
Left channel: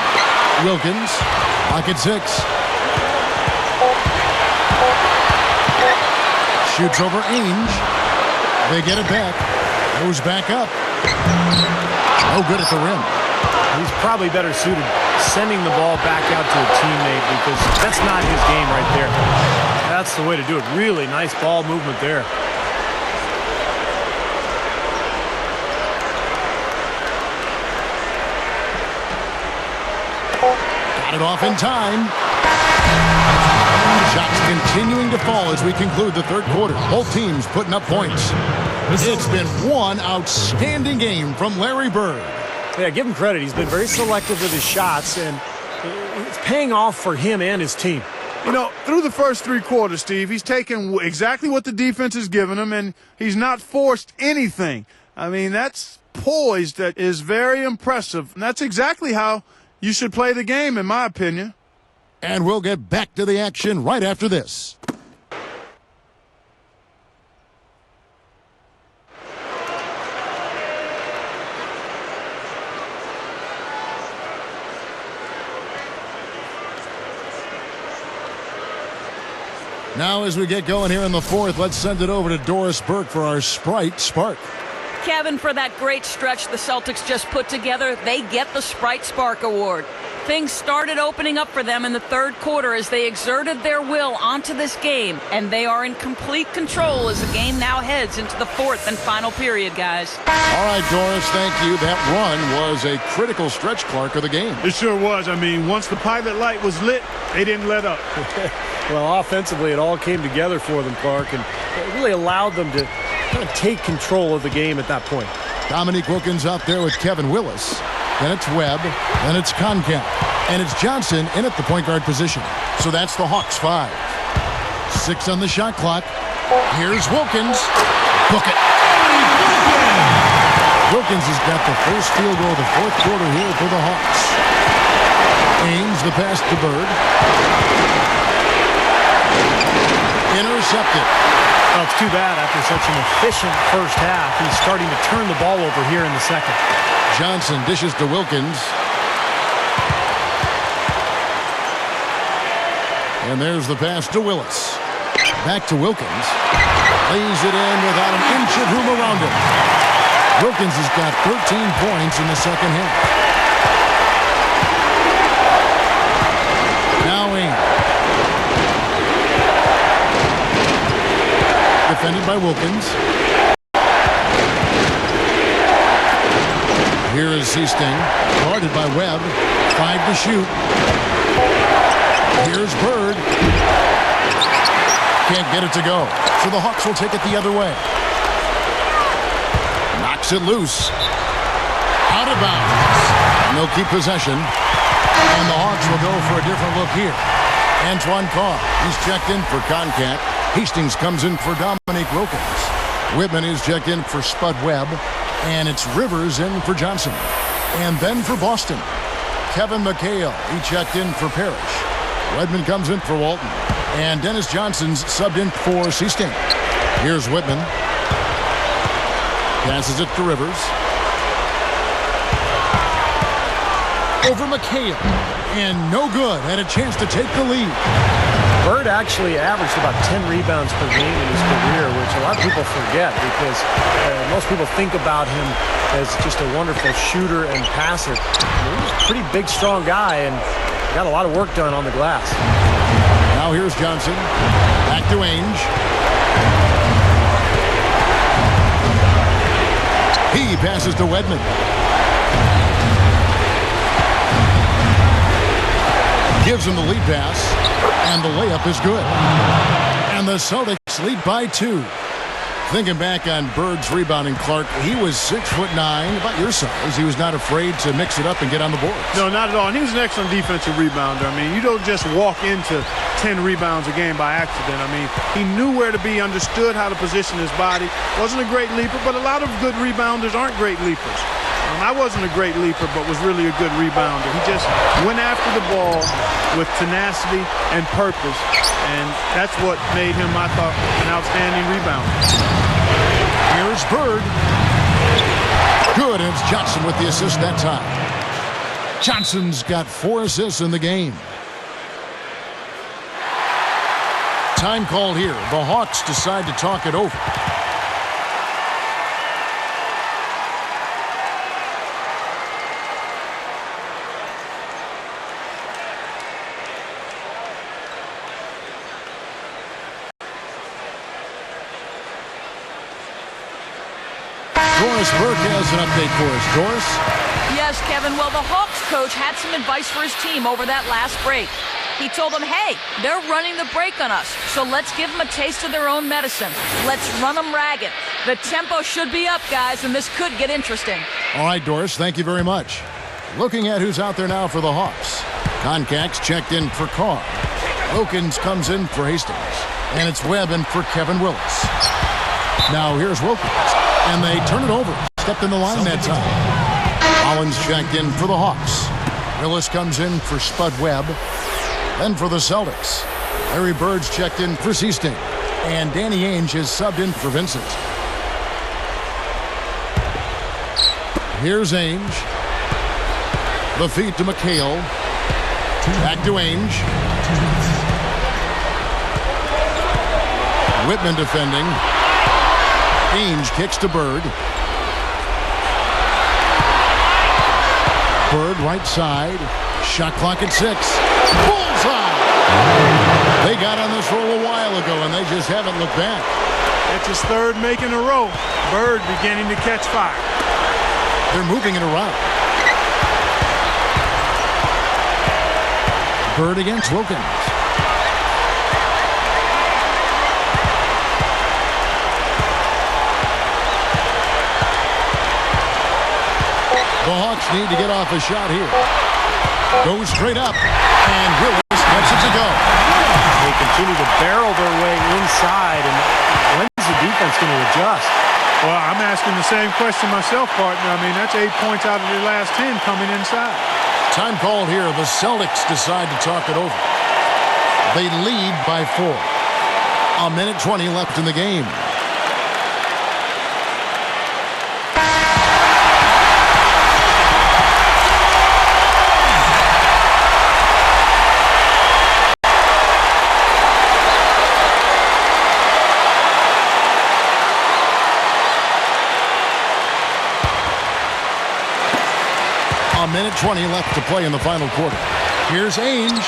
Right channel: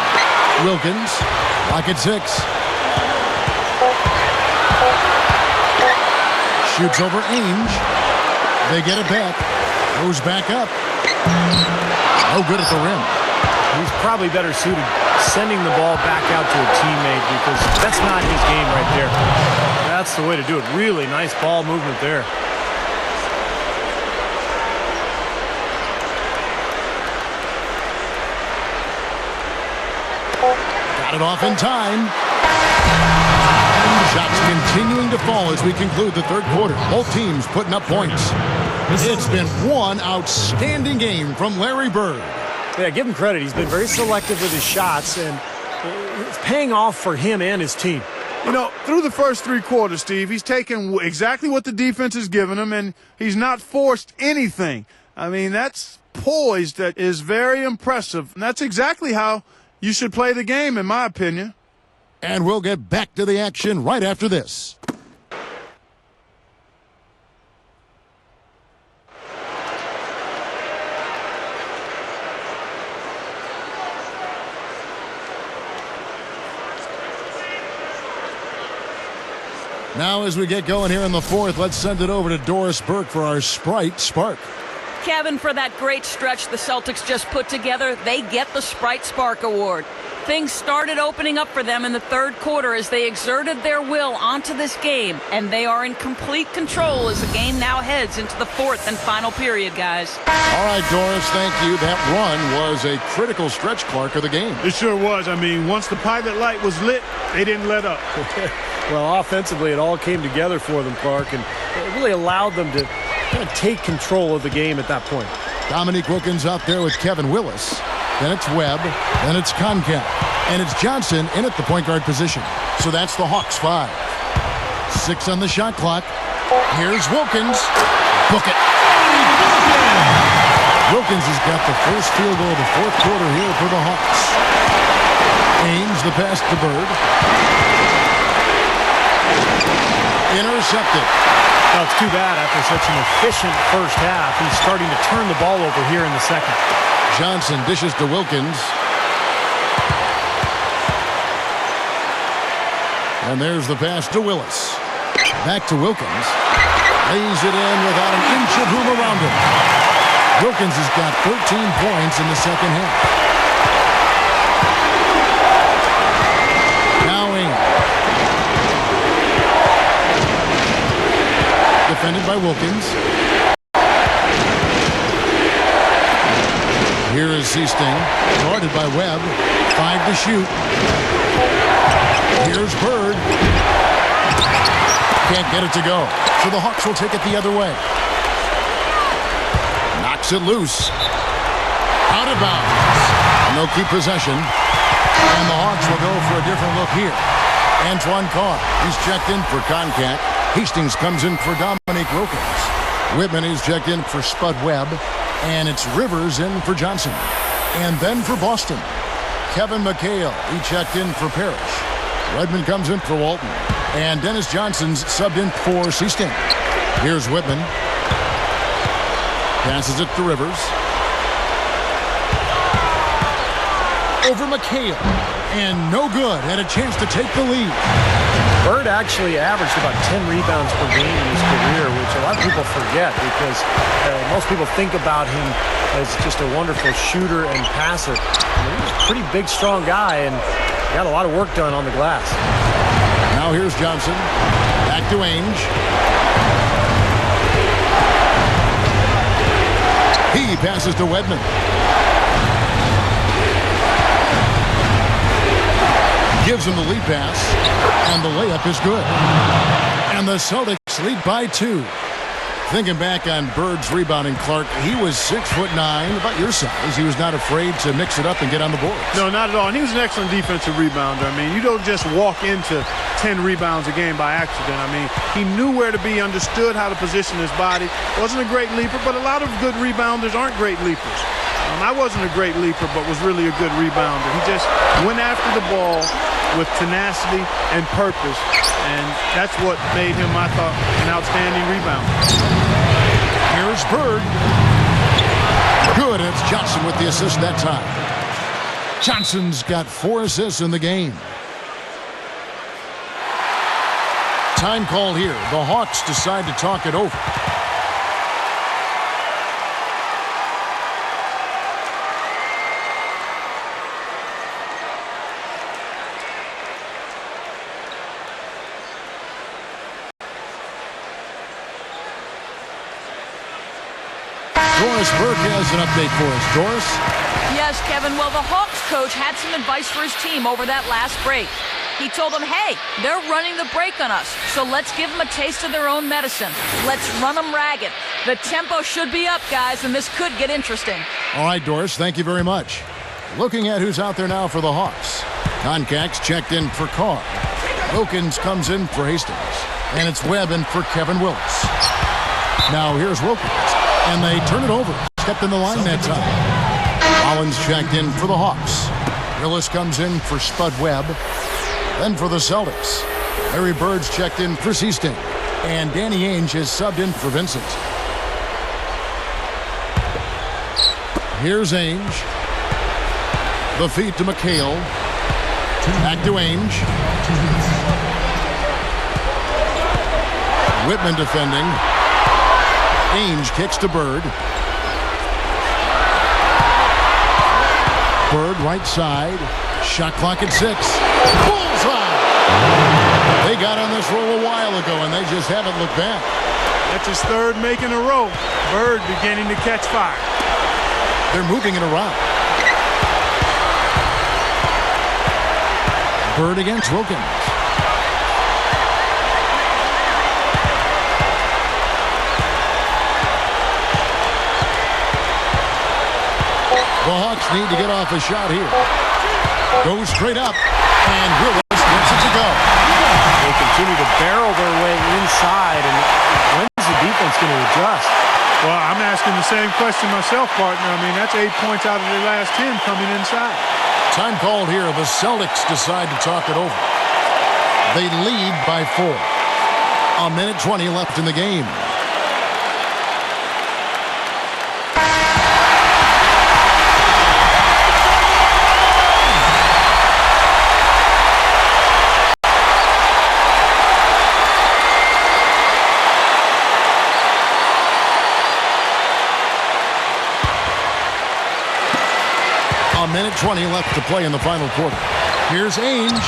Wilkins, lock at 6. Shoots over Ainge. They get it back. Goes back up. No good at the rim. He's probably better suited sending the ball back out to a teammate because that's not his game right there. That's the way to do it. Really nice ball movement there. Got it off in time. Shots continuing to fall as we conclude the third quarter. Both teams putting up points. It's been one outstanding game from Larry Bird. Yeah, give him credit. He's been very selective with his shots, and it's paying off for him and his team. You know, through the first 3 quarters, Steve, he's taken exactly what the defense has given him, and he's not forced anything. I mean, that's poise that is very impressive. And that's exactly how you should play the game, in my opinion. And we'll get back to the action right after this. Now as we get going here in the fourth, let's send it over to Doris Burke for our Sprite Spark. Kevin, for that great stretch the Celtics just put together, they get the Sprite Spark Award. Things started opening up for them in the third quarter as they exerted their will onto this game, and they are in complete control as the game now heads into the fourth and final period, guys. All right, Doris, thank you. That run was a critical stretch, Clark, of the game. It sure was. I mean, once the pilot light was lit, they didn't let up. Well, offensively, it all came together for them, Clark, and it really allowed them to kind of take control of the game at that point. Dominique Wilkins out there with Kevin Willis. Then it's Webb. Then it's Concat. And it's Johnson in at the point guard position. So that's the Hawks 5. 6 on the shot clock. Here's Wilkins. Book it. Wilkins has got the first field goal of the fourth quarter here for the Hawks. Ainge, the pass to Bird. Intercepted. Well, it's too bad after such an efficient first half. He's starting to turn the ball over here in the second. Johnson dishes to Wilkins. And there's the pass to Willis. Back to Wilkins. Lays it in without an inch of room around him. Wilkins has got 13 points in the second half. Now Ainge. Defended by Wilkins. Here is Seasting, guarded by Webb. 5 to shoot. Here's Bird. Can't get it to go. So the Hawks will take it the other way. Knocks it loose. Out of bounds. And they'll keep possession. And the Hawks will go for a different look here. Antoine Carr. He's checked in for Concat. Hastings comes in for Dominique Wilkins. Whitman is checked in for Spud Webb. And it's Rivers in for Johnson. And then for Boston, Kevin McHale. He checked in for Parrish. Redmond comes in for Walton. And Dennis Johnson's subbed in for Seasting. Here's Whitman. Passes it to Rivers. Over McHale. And no good. Had a chance to take the lead. Bird actually averaged about 10 rebounds per game in his career, which a lot of people forget because most people think about him as just a wonderful shooter and passer. I mean, he's a pretty big, strong guy and got a lot of work done on the glass. Now here's Johnson. Back to Ainge. He passes to Wedman. Gives him the lead pass, and the layup is good. And the Celtics lead by 2. Thinking back on Bird's rebounding, Clark, he was 6'9", about your size. He was not afraid to mix it up and get on the boards. No, not at all. And he was an excellent defensive rebounder. I mean, you don't just walk into 10 rebounds a game by accident. I mean, he knew where to be, understood how to position his body. Wasn't a great leaper, but a lot of good rebounders aren't great leapers. I wasn't a great leaper, but was really a good rebounder. He just went after the ball with tenacity and purpose, and that's what made him, I thought, an outstanding rebounder. Here's Bird. Good, and it's Johnson with the assist that time. Johnson's got 4 assists in the game. Time call here. The Hawks decide to talk it over. Doris Burke has an update for us. Doris? Yes, Kevin. Well, the Hawks coach had some advice for his team over that last break. He told them, hey, they're running the break on us, so let's give them a taste of their own medicine. Let's run them ragged. The tempo should be up, guys, and this could get interesting. All right, Doris, thank you very much. Looking at who's out there now for the Hawks. Concax checked in for Carr. Wilkins comes in for Hastings. And it's Webb in for Kevin Willis. Now here's Wilkins. And they turn it over. Stepped in the line that time. Collins checked in for the Hawks. Willis comes in for Spud Webb. Then for the Celtics, Larry Bird's checked in for Seasting. And Danny Ainge has subbed in for Vincent. Here's Ainge. The feed to McHale. Back to Ainge. Whitman defending. Ainge kicks to Bird. Bird right side. Shot clock at 6. Bullseye! They got on this roll a while ago, and they just haven't looked back. That's his third make in a row. Bird beginning to catch fire. They're moving it around. Bird against Wilkins. The Hawks need to get off a shot here. Goes straight up, and Willis gets it to go. They continue to barrel their way inside, and when's the defense going to adjust? Well, I'm asking the same question myself, partner. I mean, that's 8 points out of their last 10 coming inside. Time called here. The Celtics decide to talk it over. They lead by 4. 1:20 left in the game. A minute 20 left to play in the final quarter. Here's Ainge.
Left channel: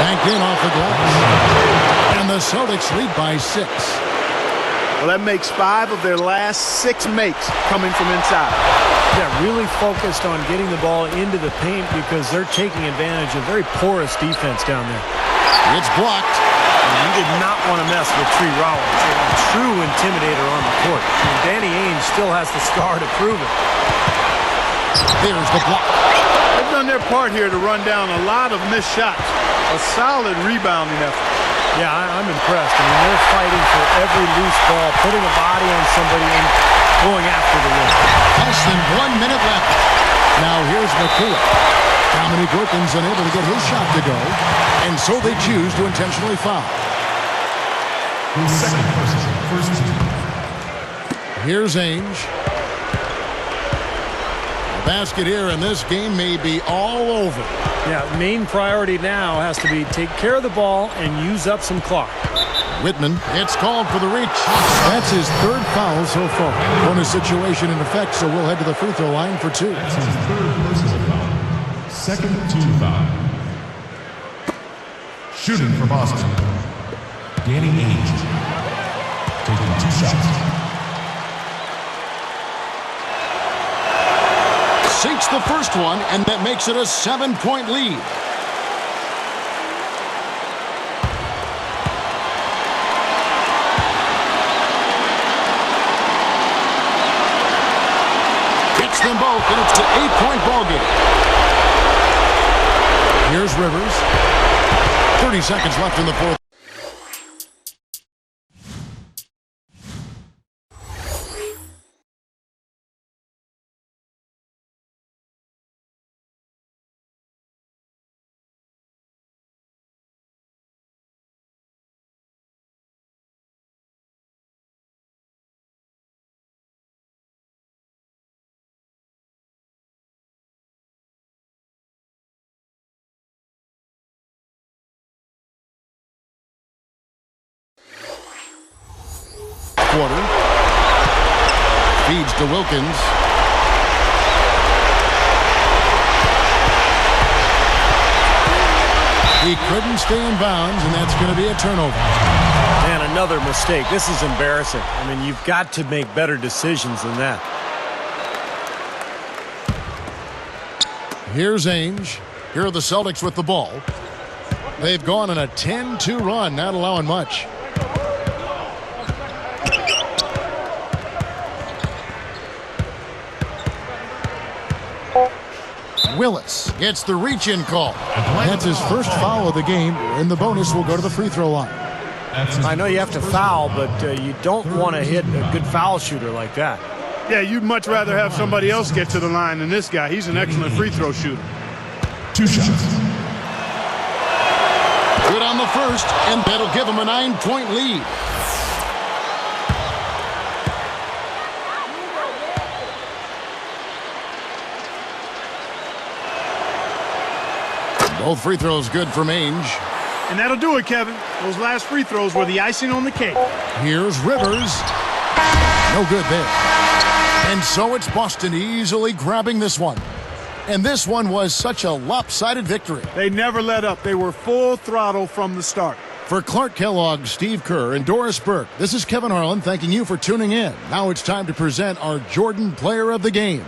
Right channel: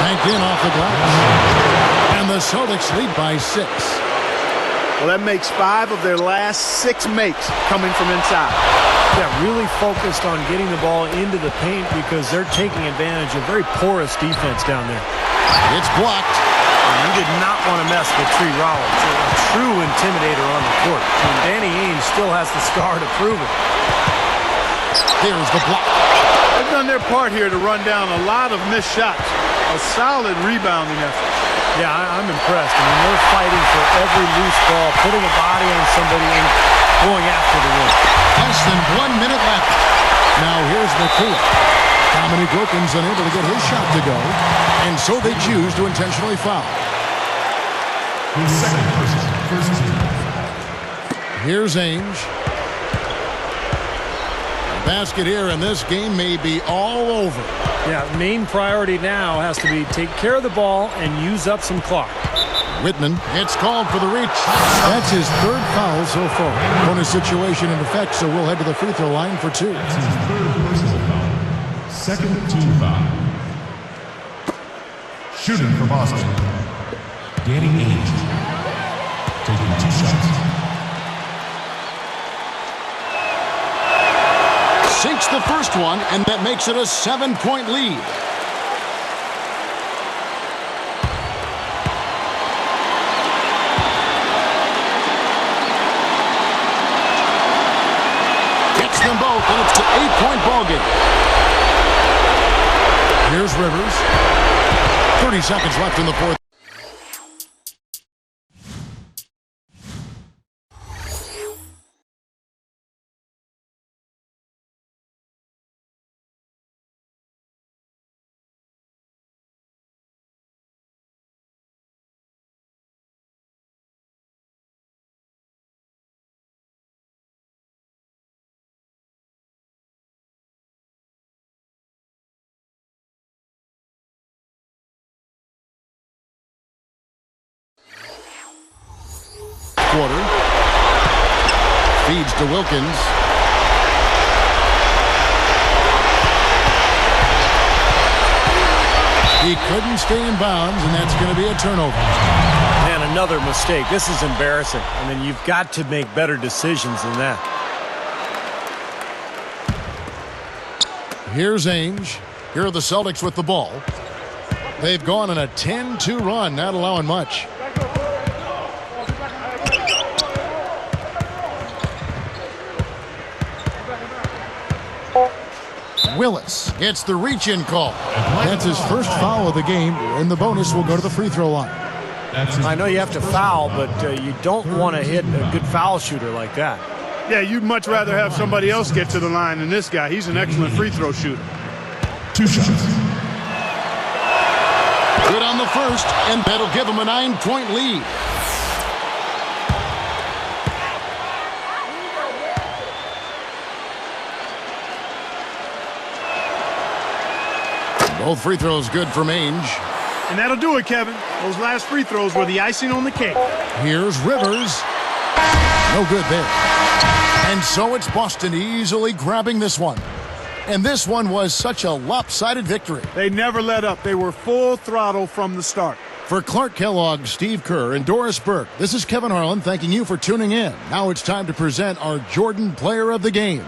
Banked in off the glass. And the Celtics lead by 6. Well, that makes 5 of their last 6 makes coming from inside. Yeah, really focused on getting the ball into the paint because they're taking advantage of very porous defense down there. It's blocked. And you did not want to mess with Tree Rollins, a true intimidator on the court. I mean, Danny Ainge still has the scar to prove it. There's the block. They've done their part here to run down a lot of missed shots. A solid rebounding effort. Yeah, I'm impressed. I mean, they're fighting for every loose ball, putting a body on somebody and going after the rim. Less than 1 minute left. Now here's McHale. Dominique Wilkins unable to get his shot to go, and so they choose to intentionally foul. His second person, first team. Here's Ainge. A basket here, and this game may be all over. Yeah, main priority now has to be take care of the ball and use up some clock. Whitman, it's called for the reach. That's his 3rd foul so far. Bonus situation in effect, so we'll head to the free throw line for 2. That's his 3rd personal foul. Second team foul. Shooting for Boston, Danny Ainge. Taking 2 shots. Sinks the first one, and that makes it a 7-point lead. Gets them both, and it's an 8-point ball game. Here's Rivers. 30 seconds left in the 4th. quarter. Feeds to Wilkins. He couldn't stay in bounds, and that's going to be a turnover. Man, another mistake. This is embarrassing. I mean, you've got to make better decisions than that. Here's Ainge. Here are the Celtics with the ball. They've gone on a 10-2 run, not allowing much. Willis gets the reach-in call. That's his first foul of the game, and the bonus will go to the free throw line. I know you have to foul, but you don't want to hit a good foul shooter like that. Yeah, you'd much rather have somebody else get to the line than this guy. He's an excellent free throw shooter. 2 shots. Good on the first, and that'll give him a 9-point lead. Both free throws good from Ainge. And that'll do it, Kevin. Those last free throws were the icing on the cake. Here's Rivers. No good there. And so it's Boston easily grabbing this one. And this one was such a lopsided victory. They never let up. They were full throttle from the start. For Clark Kellogg, Steve Kerr, and Doris Burke, this is Kevin Harlan thanking you for tuning in. Now it's time to present our Jordan Player of the Game.